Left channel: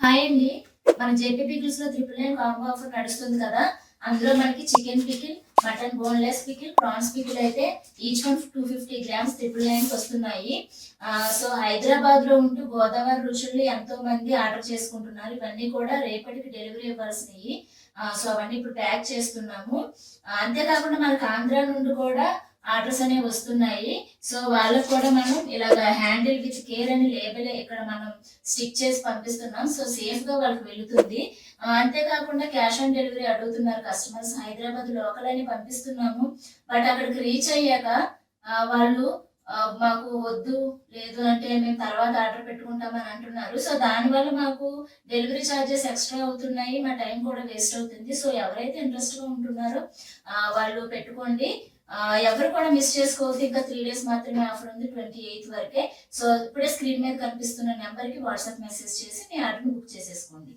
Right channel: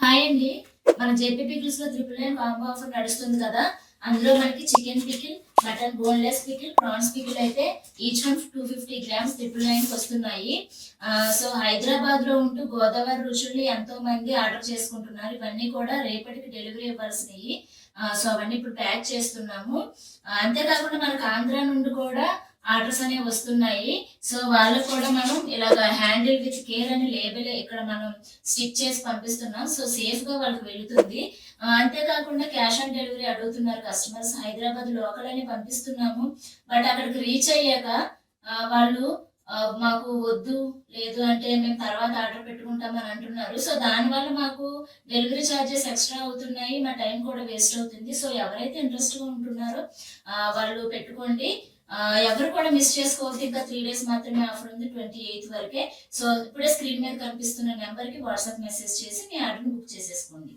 Hi అండి. మన JP పికిల్స్‌లో 999 combo offer నడుస్తుంది కదా! అందులో మనకి chicken pickle, mutton boneless pickle, prawns pickle అయితే ఈచ్ వన్ 250 గ్రామ్స్ 999కి వస్తున్నాయి. సో, హైదరాబాద్‌లో ఉంటూ గోదావరి రుచుల్ని ఎంతోమంది ఆర్డర్ చేసుకుంటున్నారు. ఇవన్నీ కూడా రేపటికి డెలివరీ ఇవ్వాల్సినయి. సో, అవన్నీ ఇప్పుడు ప్యాక్ చేస్తున్నాము. అంతేకాకుండా మనకు ఆంధ్ర నుండి కూడా ఆర్డర్స్ అనేవి వస్తున్నాయి. సో, వాళ్ళకి కూడా మనం ఇలాగ హ్యాండిల్ విత్ కేర్ అని లేబుల్ ఇక్కడ మనం స్టిక్ చేసి పంపిస్తున్నాం. సో, సేఫ్‌గా వాళ్ళకి వెళుతుంది. అంతేకాకుండా క్యాష్ ఆన్ డెలివరీ అడుగుతున్నారు కస్టమర్స్. హైదరాబాద్ లోకల్ అని పంపిస్తున్నాము. బట్ అక్కడికి రీచ్ అయ్యాక వాళ్ళు మాకు వద్దు, లేదు అంటే మేము తర్వాత ఆర్డర్ పెట్టుకుంటాం అని అంటున్నారు. సో, దానివల్ల మాకు డెలివరీ చార్జెస్ ఎక్స్‌ట్రా అవుతున్నాయి. మా టైం కూడా వేస్ట్ అవుతుంది. సో, ఎవరైతే ఇంట్రెస్ట్‌గా ఉంటున్నారో వాళ్ళు పెట్టుకోండి. ఎవరు కూడా మిస్ చేసుకోవద్దు. ఇంకా 3 డేస్ మాత్రమే ఆఫర్ ఉంది. 28థ్ వరకే. సో, ఇప్పుడే స్క్రీన్ మీద కనిపిస్తున్న నంబర్‌కి వాట్సాప్ మెసేజ్ చేసి మీ ఆర్డర్‌ని బుక్ చేసేసుకోండి.